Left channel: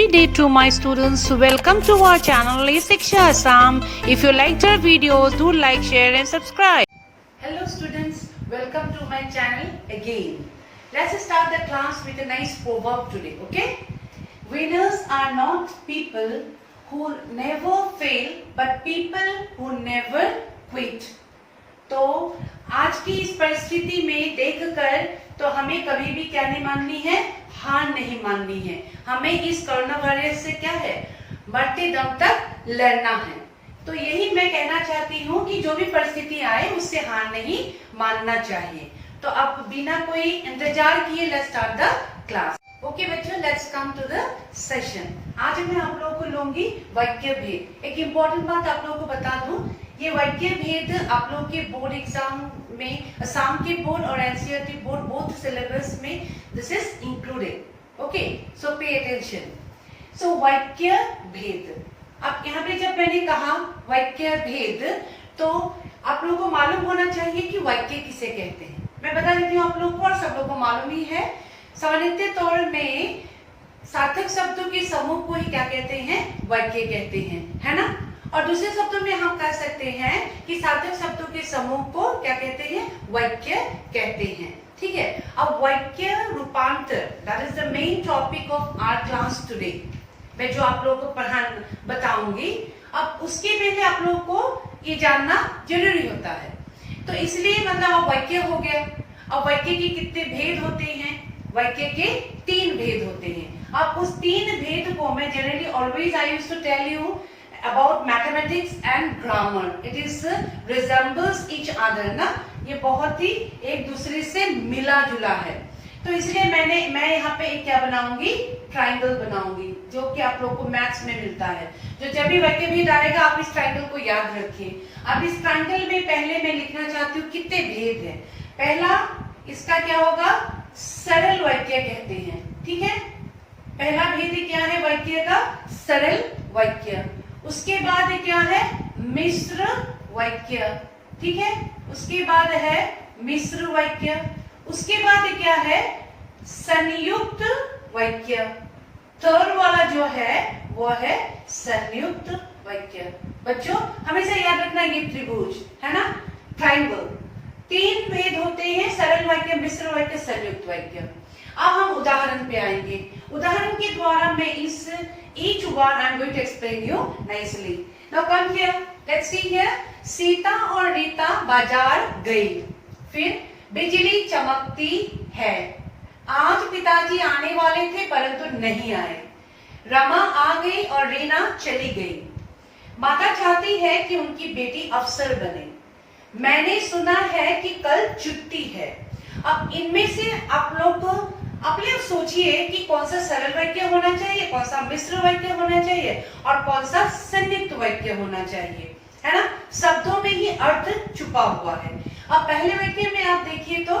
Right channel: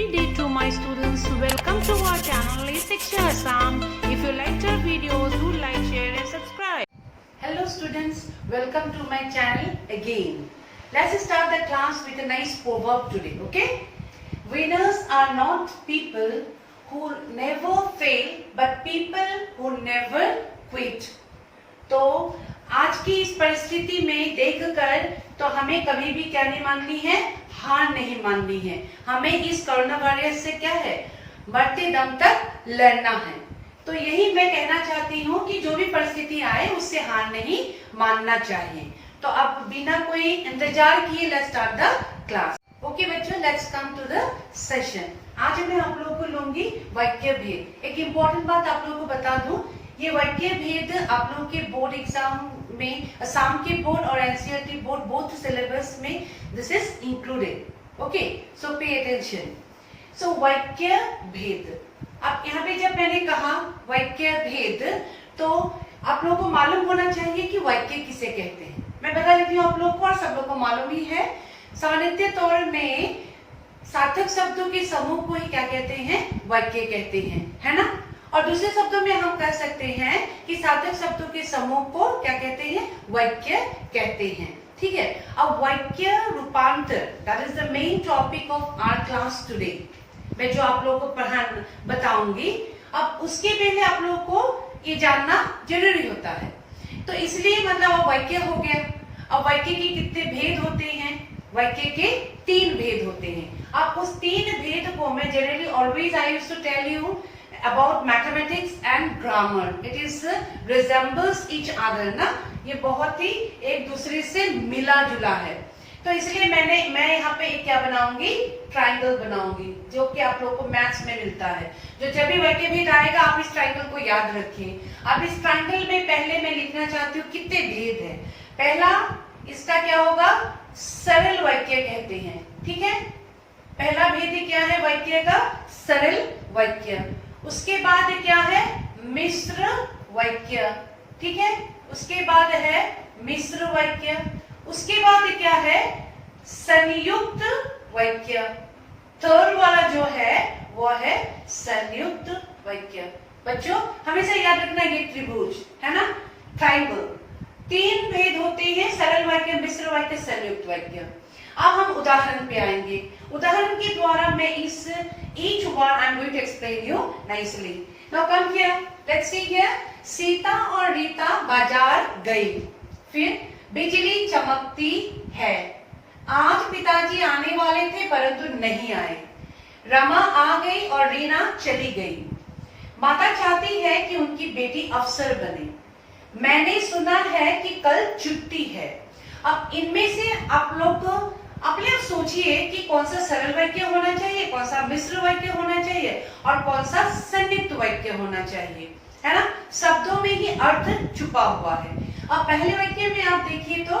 Happy day to my students. Welcome to our channel Shiksha Assam. If you liked our videos, do like, share and subscribe. Hello students, welcome to my channel again. Let's start the class with a nice proverb today, okay? Winners are not people who never fail but people who never quit. तो आज की इस परिस्थिति में देखकर तो हमें कभी भी क्या नहीं माननी है, हार नहीं माननी है। हमें इस कोरोना वायरस से क्या है, मरते दम तक लड़ना है। तो यही मैं कहना चाहती हूँ कि जो भी परिस्थिति आए उससे हार नहीं मानना चाहिए। तो अब बिना कोई इंतजार किए let's start the class. Okay बच्चों, let's come to the session. आज मैं आप लोगों को लूंगी वाक्य भेद। एक इम्पोर्टेंट बात आप लोगों को बता दूं, ये वाक्य भेद आप लोगों के बोर्ड एग्जाम में, असम के बोर्ड और एनसीईआरटी बोर्ड बोथ सिलेबस में this is included. Okay, so pay attention. सो वाक्य भेद, अब यहाँ पे जब मैंने कहा वाक्य भेद तो आप लोगों को मालूम होना चाहिए कि वाक्य किसे कहते हैं। मैं बता देती हूँ आप लोग को, और सब लोग को मालूम ही है। सामान्य तौर में सार्थक शब्दों के समूह को ही क्या कहते हैं, वाक्य कहते हैं, है ना। और दूसरे शब्दों में हम कह सकते हैं कि सार्थक शब्दों के समूह को क्या कहते हैं, वाक्य कहते हैं। ठीक है। अब वाक्य रूपांतर, that is the main topic of our class today. मैं जो आप लोगों को बताऊंगी, अब उसके पहले आप लोगों को ये जानना जरूरी होता है। तो इसलिए मतलब अब वाक्य हो गया। अब वाक्य के कितने भेद होते हैं, वाक्य के 3 भेद होते हैं। अब उस 3 भेद को मैं generally always I used to tell you about mathematics and grammar. It is resembles each other ना, ये बहुत ही एक दूसरे से मिला जुला है। तो इसलिए मैं यहाँ पे एक क्या बनाऊंगी, ट्राइंगल बनाऊंगी, जो कि आप लोगों को मैथ्स में मिलता है। जो जब भी वाक्य भेद आएगा आप इस ट्राइंगल को याद रखिए। अब इस ट्राइंगल में पहले मैं लिखना चाहती हूँ कितने भेद है। पहला इसका क्या होगा, सरल वाक्य कहते हैं। ठीक है, पहला भेद क्या है वाक्य का, सरल वाक्य। उसके बाद क्या है, मिश्र वाक्य। ठीक है, उसके बाद है मिश्र वाक्य। उसके बाद क्या है, संयुक्त वाक्य। थर्ड वाला जो है वो है संयुक्त वाक्य। बच्चों हमेशा याद रखना, ये त्रिभुज है ना, ट्राइंगल। 3 भेद होते हैं, सरल वाक्य, मिश्र वाक्य, संयुक्त वाक्य। अब हम उदाहरण पे आएंगे। उदाहरण के द्वारा मैं इस each one I'm going to explain you nicely. Now come here. Let's see here. Sita और रीता बाजार गई, फिर बिजली चमकती है। आज पिताजी आने वाले थे परंतु नहीं आए। रमा आ गई और रीना चली गई। माता चाहती है कि उनकी बेटी अफसर बने। मैंने सुना है कि कल छुट्टी है। अब इनमें से आप लोग अपने सोचिए कि कौन सा सरल वाक्य होना चाहिए, कौन सा मिश्र वाक्य होना चाहिए और कौन सा संयुक्त वाक्य होना चाहिए, है ना। शब्दों में ही अर्थ छुपा हुआ है। अब पहले वाक्य में आप देखिए तो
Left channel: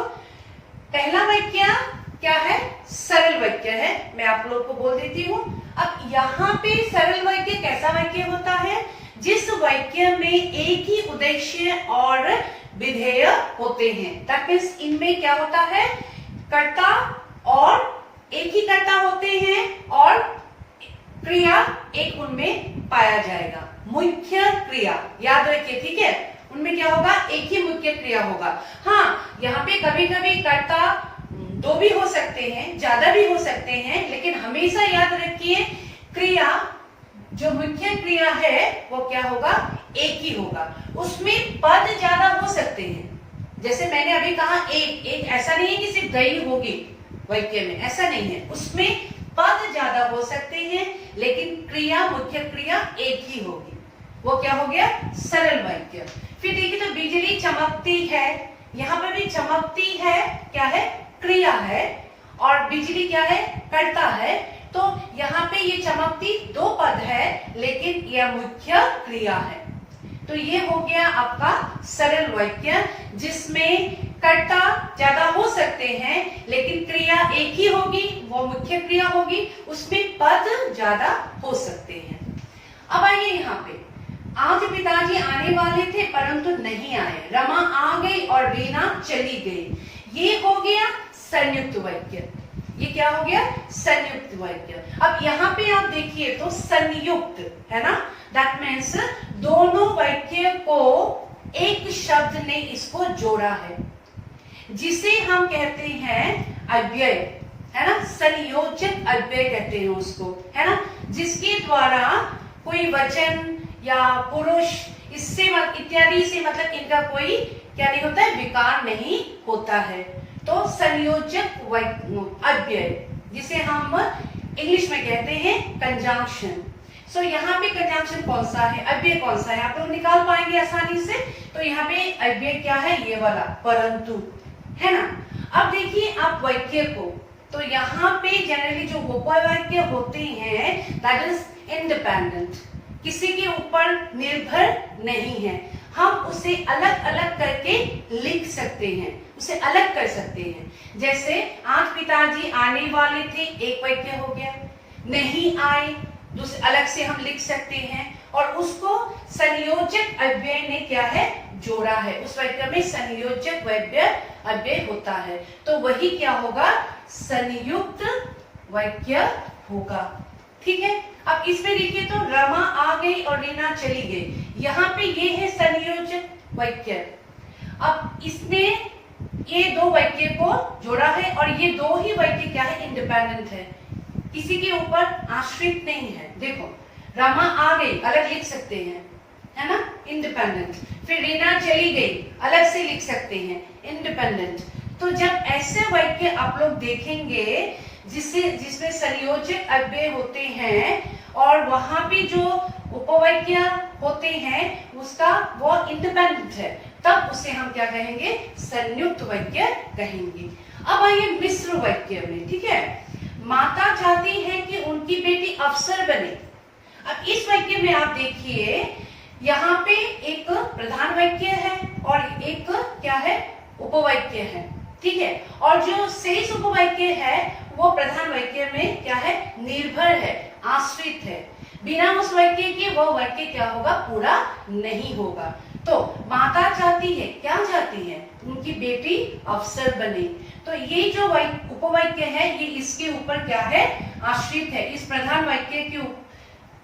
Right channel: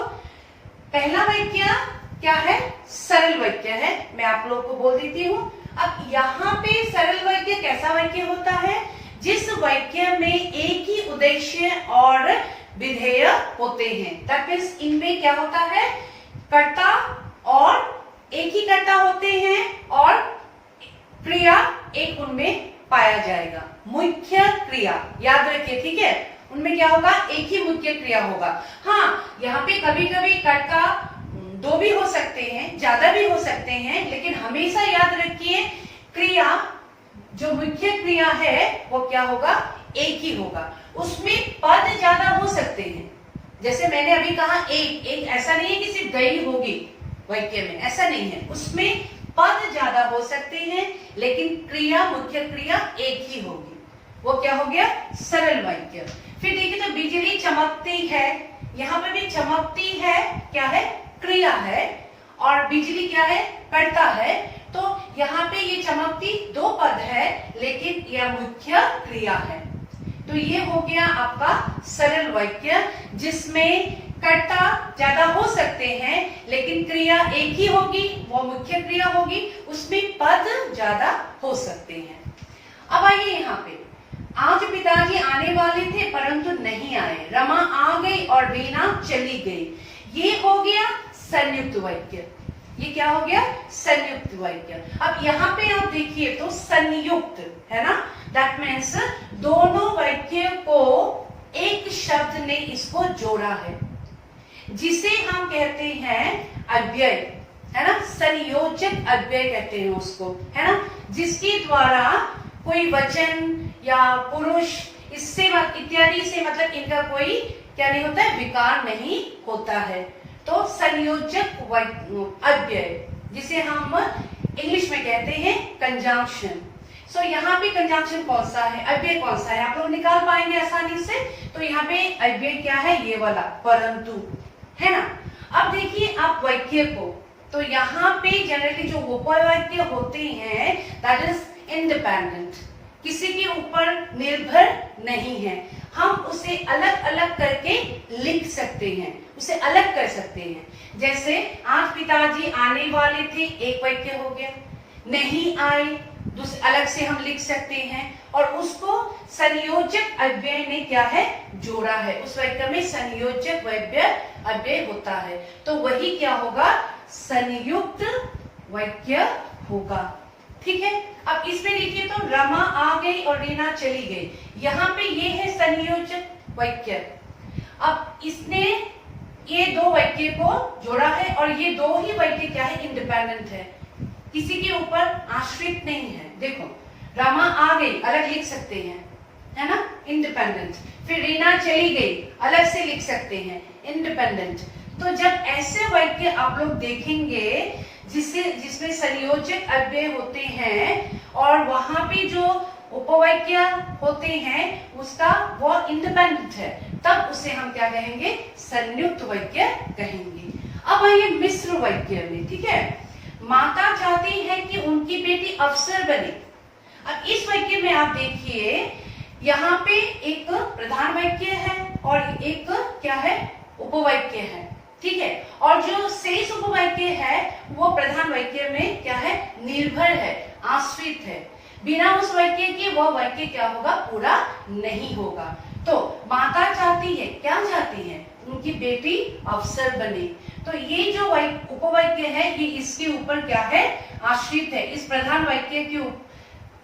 पहला वाक्य क्या है, सरल वाक्य है। मैं आप लोगों को बोल देती हूँ। अब यहाँ पे सरल वाक्य कैसा वाक्य होता है, जिस वाक्य में एक ही उद्देश्य और विधेय होते हैं। दैट मींस इनमें क्या होता है, कर्ता और एक ही कर्ता होते हैं और क्रिया एक उनमें पाया जाएगा, मुख्य क्रिया। याद रखिए, ठीक है, उनमें क्या होगा, एक ही मुख्य क्रिया होगा। हाँ, यहाँ पे कभी कभी कर्ता 2 भी हो सकते हैं, ज्यादा भी हो सकते हैं, लेकिन हमेशा याद रखिए क्रिया जो मुख्य क्रिया है वो क्या होगा, एक ही होगा। उसमें पद ज्यादा हो सकते हैं, जैसे मैंने अभी कहा एक ऐसा नहीं है कि सिर्फ गई होगी वाक्य में, ऐसा नहीं है। उसमें पद ज्यादा हो सकते हैं लेकिन क्रिया, मुख्य क्रिया एक ही होगी। वो क्या हो गया, सरल वाक्य। फिर देखिए तो बिजली चमकती है, यहाँ पे भी चमकती है क्या है, क्रिया है, और बिजली क्या है, कर्ता है। तो यहाँ पे ये चमकती 2 पद है लेकिन यह मुख्य क्रिया है। तो ये हो गया आपका सरल वाक्य, जिसमें कर्ता ज्यादा हो सकते हैं लेकिन क्रिया एक ही होगी, वो मुख्य क्रिया होगी, उसमें पद ज्यादा हो सकते हैं। अब आइए यहाँ पे, आज पिताजी आने वाले थे परंतु नहीं आए। रमा आ गई और रीना चली गई। ये हो गया संयुक्त वाक्य। ये क्या हो गया? संयुक्त वाक्य। अब यहाँ पे आप देखिए तो संयुक्त है ना, दैट मीन्स दोनों वाक्य को एक शब्द ने इसको जोड़ा है, जिसे हम कहते हैं अव्यय, है ना, संयोजक अव्यय कहते हैं उसको, है ना, जिसके द्वारा कोई वचन या पुरुष इससे इत्यादि से मतलब इनका कोई क्या नहीं होता है, विकार नहीं होता है। तो संयोजक अव्यय जिसे हम इंग्लिश में कहते हैं कंजंक्शन। सो यहाँ पे कंजंक्शन कौन सा है, अव्यय कौन सा है, आप लोग निकाल पाएंगे आसानी से। तो यहाँ पे अव्यय क्या है, ये वाला परंतु, है ना। अब देखिए आप वाक्य को, तो यहाँ पे जनरली जो उपवाक्य होते हैं दैट इज इंडिपेंडेंट, किसी के ऊपर निर्भर नहीं है। हम उसे अलग अलग करके लिख सकते हैं, उसे अलग कर सकते हैं। जैसे आज पिताजी आने वाले थे, एक वाक्य हो गया। नहीं आए, दूसरे अलग से हम लिख सकते हैं, और उसको संयोजक अव्यय ने क्या है, जोड़ा है। उस वाक्य में संयोजक अव्यय होता है, तो वही क्या होगा, संयुक्त वाक्य होगा। ठीक है। अब इसमें देखिए तो रमा आ गई और रीना चली गई, यहाँ पे ये है संयोजक वाक्य। अब इसने ये दो वाक्य को जोड़ा है, और ये दो ही वाक्य क्या है, इंडिपेंडेंट है, किसी के ऊपर आश्रित नहीं है। देखो रमा आ गई अलग लिख सकते हैं, है ना, इंडिपेंडेंट। फिर रीना चली गई अलग से लिख सकते हैं, इंडिपेंडेंट। तो जब ऐसे वाक्य आप लोग देखेंगे जिसमें संयोजक अव्यय होते हैं और वहां पे जो उपवाक्य होते हैं उसका वो इंडिपेंडेंट है, तब उसे हम क्या कहेंगे, संयुक्त वाक्य कहेंगे। अब आइए मिश्र वाक्य में। ठीक है, माता चाहती है कि उनकी बेटी अफसर बने। अब इस वाक्य में आप देखिए यहाँ पे एक प्रधान वाक्य है और एक क्या है, उपवाक्य है। ठीक है, और जो शेष उपवाक्य है वो प्रधान वाक्य में क्या है, निर्भर है, आश्रित है। बिना उस वाक्य के वो वाक्य क्या होगा, पूरा नहीं होगा। तो माता चाहती है, क्या चाहती है, उनकी बेटी अफसर बने। तो ये जो उपवाक्य है ये इसके ऊपर क्या है, आश्रित है, इस प्रधान वाक्य के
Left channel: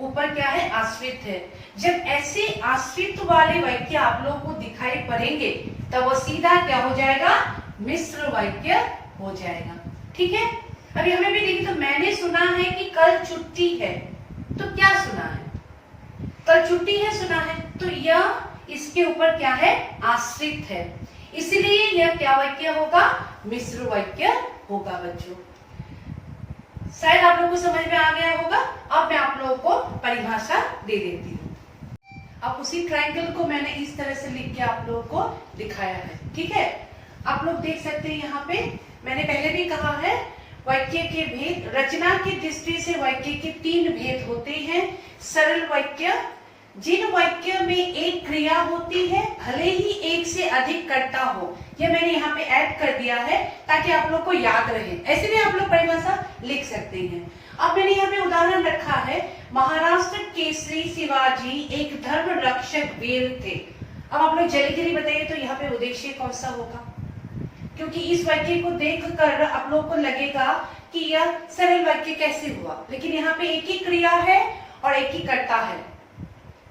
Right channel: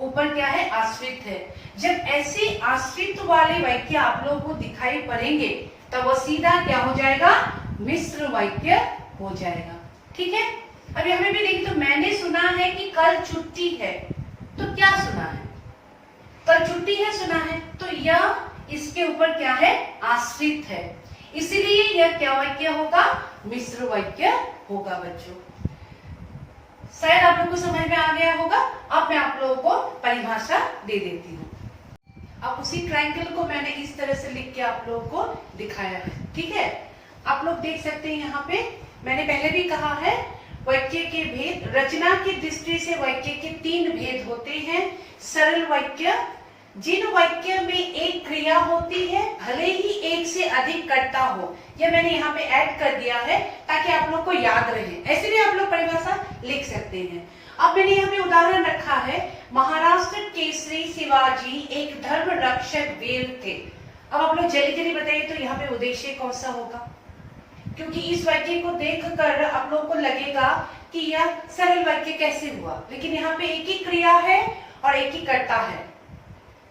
ऊपर क्या है, आश्रित है। जब ऐसे आश्रित वाले वाक्य आप लोगों को दिखाई पड़ेंगे तब वो सीधा क्या हो जाएगा, मिश्र वाक्य हो जाएगा। ठीक है। अब हमें भी देखिए तो मैंने सुना है कि कल छुट्टी है, तो क्या सुना है, कल छुट्टी है सुना है, तो यह इसके ऊपर क्या है, आश्रित है, इसलिए यह क्या वाक्य होगा, मिश्र वाक्य होगा। बच्चों शायद आप लोगों को समझ में आ गया होगा। अब मैं आप लोगों को परिभाषा दे देती हूँ। अब उसी ट्रायंगल को मैंने इस तरह से लिख के आप लोगों को दिखाया है। ठीक है, आप लोग देख सकते हैं यहाँ पे मैंने पहले भी कहा है वाक्य के भेद, रचना की दृष्टि से वाक्य के 3 भेद होते हैं। सरल वाक्य, जिन वाक्य में एक क्रिया होती है भले ही एक से अधिक कर्ता हो, यह मैंने यहाँ पे ऐड कर दिया है ताकि आप लोग को याद रहे। ऐसे भी आप लोग परिभाषा लिख सकते हैं। अब मैंने यहाँ पे उदाहरण रखा है, महाराष्ट्र केसरी शिवाजी एक धर्म रक्षक वीर थे। अब आप लोग जल्दी जल्दी बताइए तो यहाँ पे उद्देश्य कौन सा होगा, क्योंकि इस वाक्य को देखकर आप लोग को लगेगा कि यह सरल वाक्य कैसे हुआ, लेकिन यहाँ पे एक ही क्रिया है और एक ही कर्ता है,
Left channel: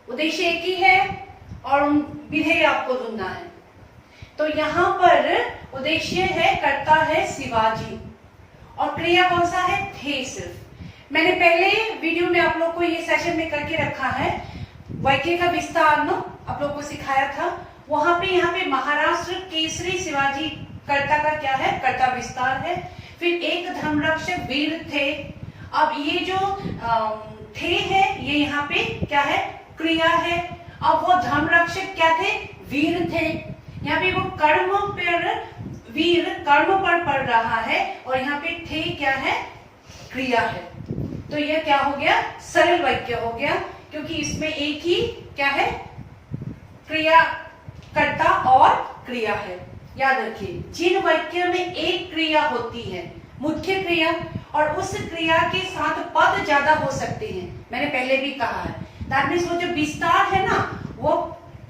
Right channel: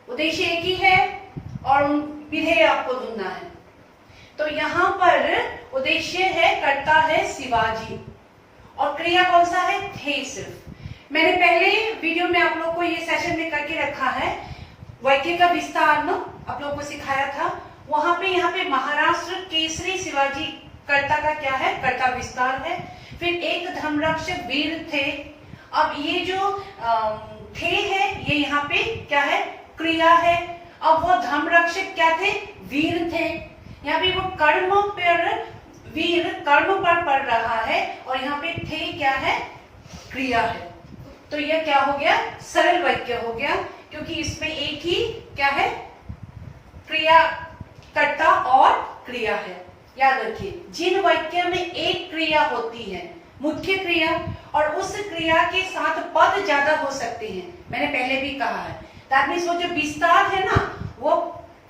उद्देश्य एक ही है और विधेय आपको ढूंढना है। तो यहाँ पर उद्देश्य है, कर्ता है शिवाजी और क्रिया कौन सा है, थे सिर्फ। मैंने पहले वीडियो में आप लोग को ये सेशन में करके रखा है, वाक्य का विस्तार न आप लोगों को सिखाया था। वहां पे यहाँ पे महाराष्ट्र केसरी शिवाजी कर्ता का क्या है, कर्ता विस्तार है। फिर एक धर्मरक्षक वीर थे। अब ये जो थे है ये यहाँ पे क्या है, क्रिया है। अब वो धर्मरक्षक क्या थे, वीर थे। यहाँ पे वो कर्म पर, वीर कर्म पर पड़ रहा है और यहाँ पे थे क्या है, क्रिया है। तो यह क्या हो गया, सरल वाक्य हो गया, क्योंकि इसमें एक ही क्या है, क्रिया, कर्ता और क्रिया है। याद रखिए, जिन वाक्य में एक क्रिया होती है, मुख्य क्रिया, और उस क्रिया के साथ पद ज्यादा हो सकते हैं, मैंने पहले भी कहा है, दैट मीन्स वो जो विस्तार है ना वो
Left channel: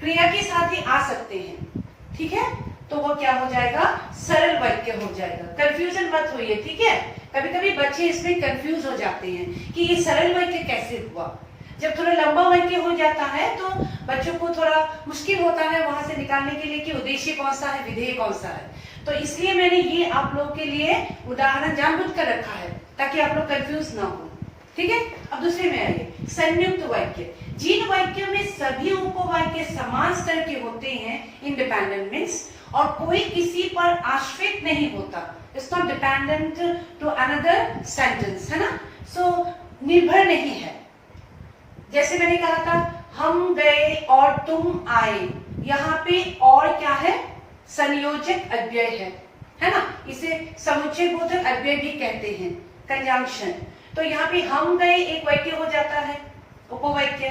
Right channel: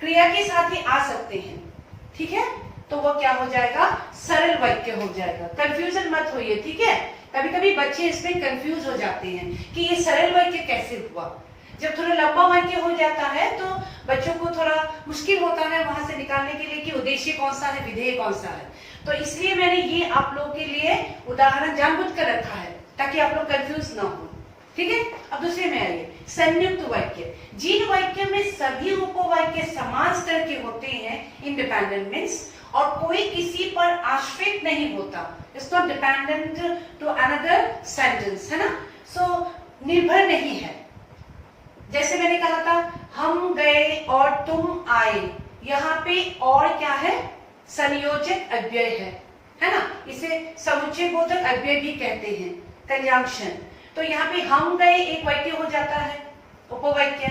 क्रिया के साथ ही आ सकते हैं। ठीक है, तो वो क्या हो जाएगा, सरल वाक्य हो जाएगा। कंफ्यूजन मत होइए, ठीक है, कभी कभी बच्चे इसमें कंफ्यूज हो जाते हैं कि ये सरल वाक्य कैसे हुआ। जब थोड़ा लंबा वाक्य हो जाता है तो बच्चों को थोड़ा मुश्किल होता है वहां से निकालने के लिए कि उद्देश्य कौन सा है, विधेय कौन सा है। तो इसलिए मैंने ये आप लोग के लिए उदाहरण जानबूझकर रखा है ताकि आप लोग कंफ्यूज ना हो। ठीक है, अब दूसरे में आइए, संयुक्त वाक्य। जिन वाक्य में सभी उपवाक्य समान स्तर के होते हैं, इंडिपेंडेंट मीन्स, और कोई किसी पर आश्रित नहीं होता, it's not dependent to another sentence, है ना। सो निर्भर नहीं है। जैसे मैंने कहा था हम गए और तुम आए, यहाँ पे और क्या है, संयोजक अव्यय है ना। इसे समुच्चय बोधक अव्यय भी कहते हैं, कंजंक्शन। तो यहाँ पे हम गए एक वाक्य हो जाता है उपवाक्य,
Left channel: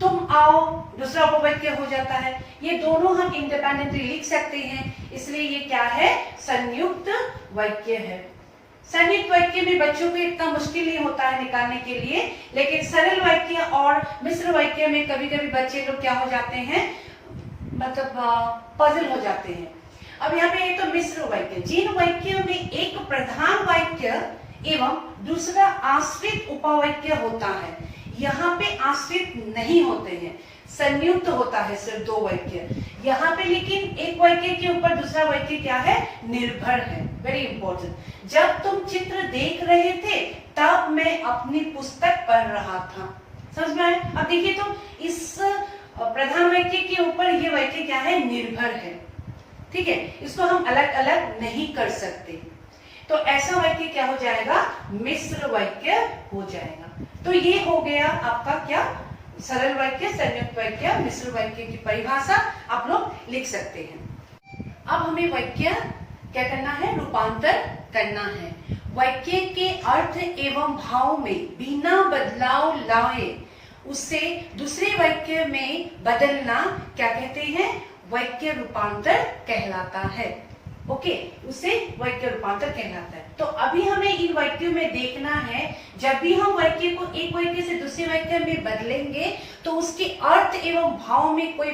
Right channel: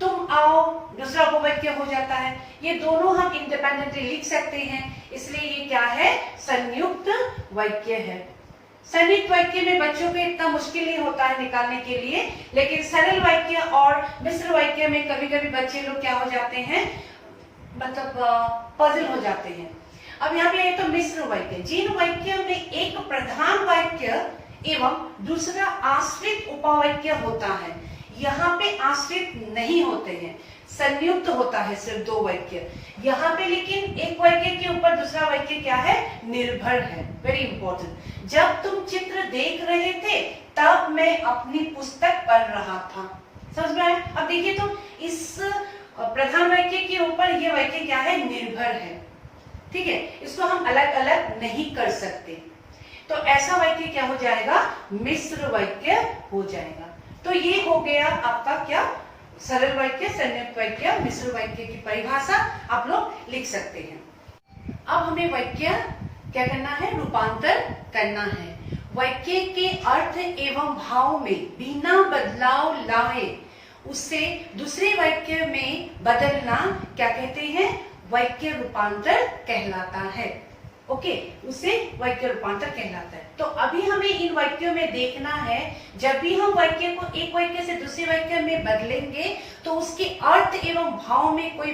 तुम आओ दूसरा उपवाक्य हो जाता है। ये दोनों हम इंडिपेंडेंटली लिख सकते हैं, इसलिए ये क्या है, संयुक्त वाक्य है। संयुक्त वाक्य में बच्चों को इतना मुश्किल नहीं होता है निकालने के लिए, लेकिन सरल वाक्य और मिश्र वाक्य में कभी कभी बच्चे लोग क्या हो जाते हैं, मतलब पजल हो जाते हैं। अब यहाँ पे तो मिश्र वाक्य, जिन वाक्यों में एक प्रधान वाक्य एवं दूसरा आश्रित उपवाक्य होता है, यहाँ पे आश्रित नहीं होते हैं, संयुक्त होता है सिर्फ दो वाक्य। यहाँ पे लेकिन एक वाक्य के ऊपर दूसरा वाक्य क्या है, निर्भर है। Very important. जब तुम चित्र देख रहे थे तब मैं अपनी पुस्तक पढ़ रहा था। समझ में आया? अब देखिए तो इस प्रधान वाक्य के ऊपर ये वाक्य क्या है, निर्भर है। ठीक है, इसको हम अलग अलग नहीं कर सकते। तो ऐसा वाक्य क्या हो जाएगा, मिश्र वाक्य हो जाएगा। तो ये हो गया आपका क्या, सरल वाक्य, संयुक्त वाक्य, मिश्र वाक्य की परिभाषा आप लोग लिख सकते हैं। अब हमें वाक्य क्या करना है, रूपांतर करना है। वाक्य के अर्थ एवं भाव में बिना बदलाव लाए उसे दूसरे वाक्य में बदलना क्या कहते हैं, वाक्य रूपांतर कहलाता है। ओके, उसे वाक्य रूपांतर कहलाता है। तो अभी हमें इन वाक्यों में देखना है, जब भी हम वाक्य को एक वाक्य से दूसरे वाक्य में बदलेंगे तो उसके अर्थ एवं भाव में कोई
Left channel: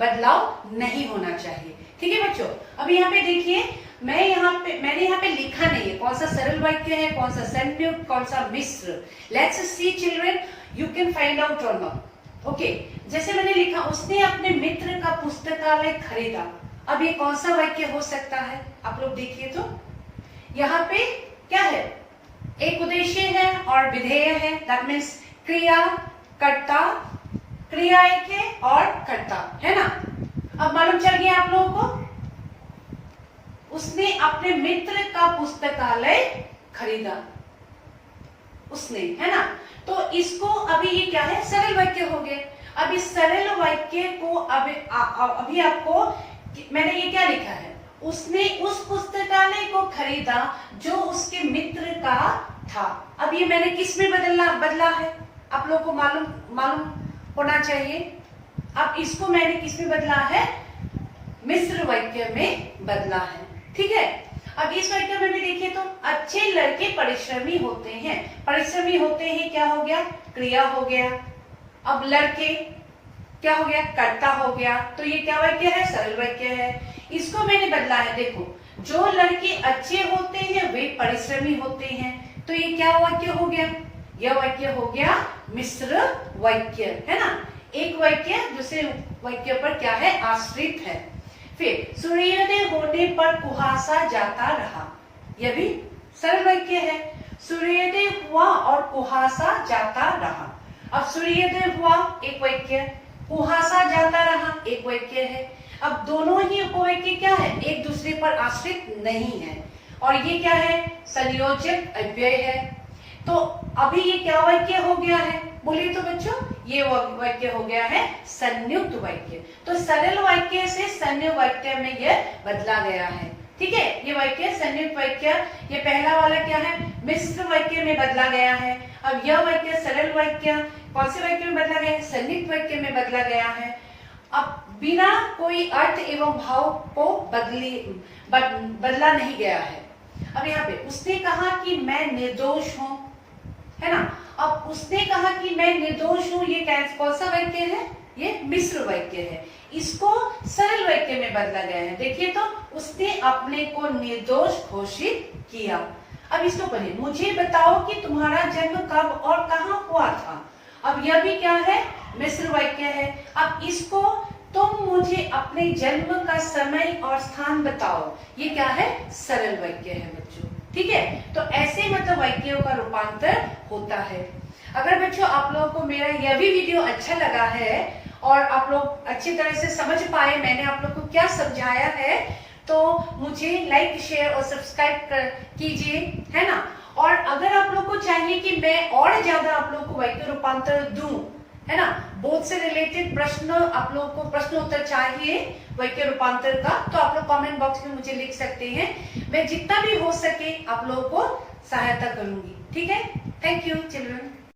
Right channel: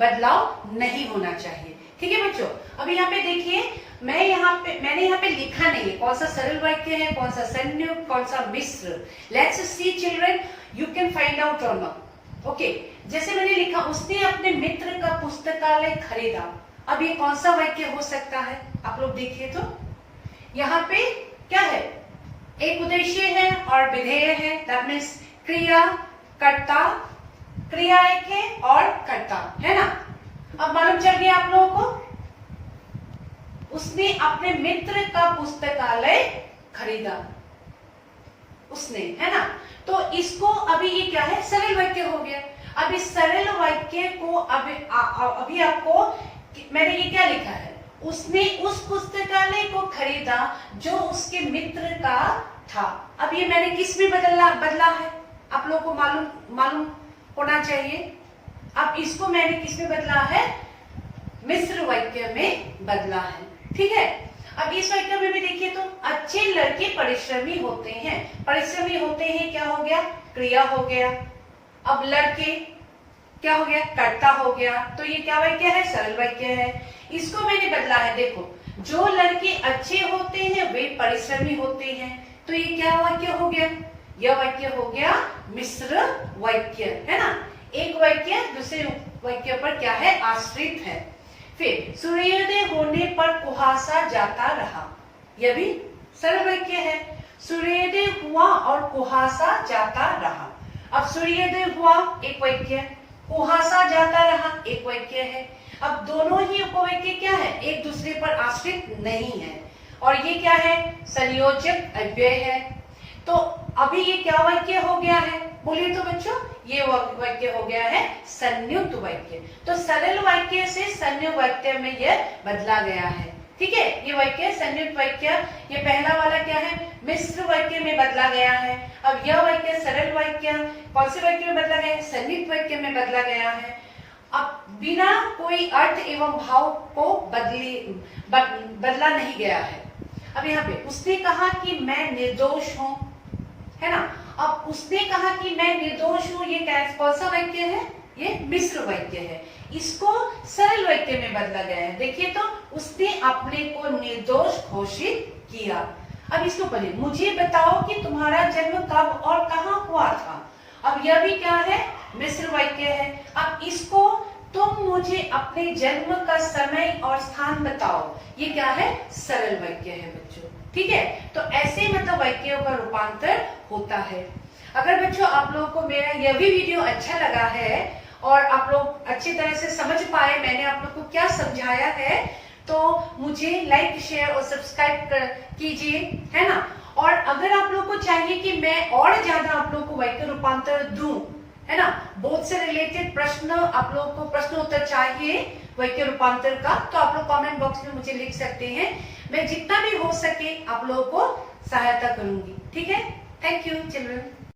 बदलाव नहीं होना चाहिए। ठीक है बच्चों, अभी यहाँ पे देखिए, मैंने यहाँ पे लिखा नहीं है कौन सा सरल वाक्य है, कौन सा संयुक्त, कौन सा मिश्र। Let's see children, you can find out or not. Okay, जैसे मैंने लिखा, उसने अपने मित्र का पुस्तकालय खरीदा। अब ये कौन सा वाक्य हो सकता है, आप लोग देखिए तो यहाँ पे क्या है, एक उद्देश्य है और विधेय है, दैट मीन्स क्रिया, कर्ता, क्रिया एक है और कर्ता, है ना। अब मालूम चल गया आप लोगों को, उसने अपने मित्र का पुस्तकालय खरीदा, उसने, है ना। तो इसको अभी ये क्या है, सरल वाक्य हो गया। अब इस सरल वाक्य को अभी आपको मैंने ये क्या लिखा है, उसने उस पुस्तकालय को खरीदा जो उसके मित्र का था। अब ये मैंने किस में बदला है, आप लोगों को मालूम होना चाहिए। अब इसको मैंने किस में बदला है, मिश्र वाक्य में बदला है। ठीक है, अब इस वाक्य में भी देखिए तो, अच्छे लड़के परिश्रमी होते हैं। परिश्रमी होते हैं क्या हो गया, क्रिया हो गया। अब लड़के क्या हो गया, कर्ता हो गया। तो ये क्या वाक्य है, सरल वाक्य है। इसको मैंने बदला है, देखो, जो लड़के अच्छे होते हैं वे परिश्रमी होते हैं। तो ये क्या वाक्य हो गया, यह वाक्य हो गया मिश्र वाक्य, है ना। एक वाक्य दूसरे वाक्य पर क्या है, आश्रित है। फिर सूर्योदय होने पर कुहासा जाता रहा, यह भी सरल वाक्य है। सूर्योदय हुआ और कुहासा जाता रहा। अब सूर्योदय हुआ एक वाक्य, कुहासा जाता रहा एक वाक्य है। अब दोनों ही उपवाक्य क्या है, एक दूसरे पर आश्रित नहीं है, और ये क्या है, संयोजक अव्यय है। तो अभी ये क्या वाक्य हो गया है, बोलिए तो बच्चों, ये वाक्य हो गया है संयुक्त वाक्य। तो सरल वाक्य से संयुक्त वाक्य में यह बदला गया है। ठीक है, ये वाक्य संयुक्त वाक्य, ये पहला वाला क्या है, मिश्र वाक्य में बदला गया है। अब यह वाक्य सरल वाक्य कौन से वाक्य में बदला गया है, संयुक्त वाक्य में बदला गया है। अब बिना कोई अर्थ एवं भाव को बदला नहीं गया है। अब यहाँ पे उसने कहा कि मैं निर्दोष हूं, है ना। अब उसने कहा कि मैं निर्दोष हूं, ये कौन सा वाक्य है, ये मिश्र वाक्य है। इसको सरल वाक्य में बदला गया है। देखिए तो, उसने अपने को निर्दोष घोषित किया। अब इसको पढ़िए, मुझे बताओ कि तुम्हारा जन्म कब और कहाँ हुआ था। अब यह भी क्या है, मिश्र वाक्य है। अब इसको तुम मुझे अपने जन्म का समय और स्थान बताओ, ये क्या है, सरल वाक्य है बच्चों। ठीक है, तो ऐसे मतलब वाक्यों का रूपांतर होता है। अगर बच्चों आप लोगों को मेरा यह भी वीडियो अच्छा लगा है और आप लोग अच्छी तरह से समझ पाए मैंने आप लोग को क्या समझाया है, तो मुझे लाइक शेयर और सब्सक्राइब कीजिए, है ना। और अगर आप लोग को चाहिए कि मैं और ज्यादा आप लोग को वाक्य रूपांतर दूं, है ना, बोध से रिलेटेड प्रश्न, आप लोग को प्रश्न उत्तर चाहिए वाक्य रूपांतर का, तो आप लोग कमेंट बॉक्स में मुझे लिख सकते हैं। मैं जितना भी हो सके आप लोगों को सहायता करूंगी। ठीक है, थैंक यू चिल्ड्रन।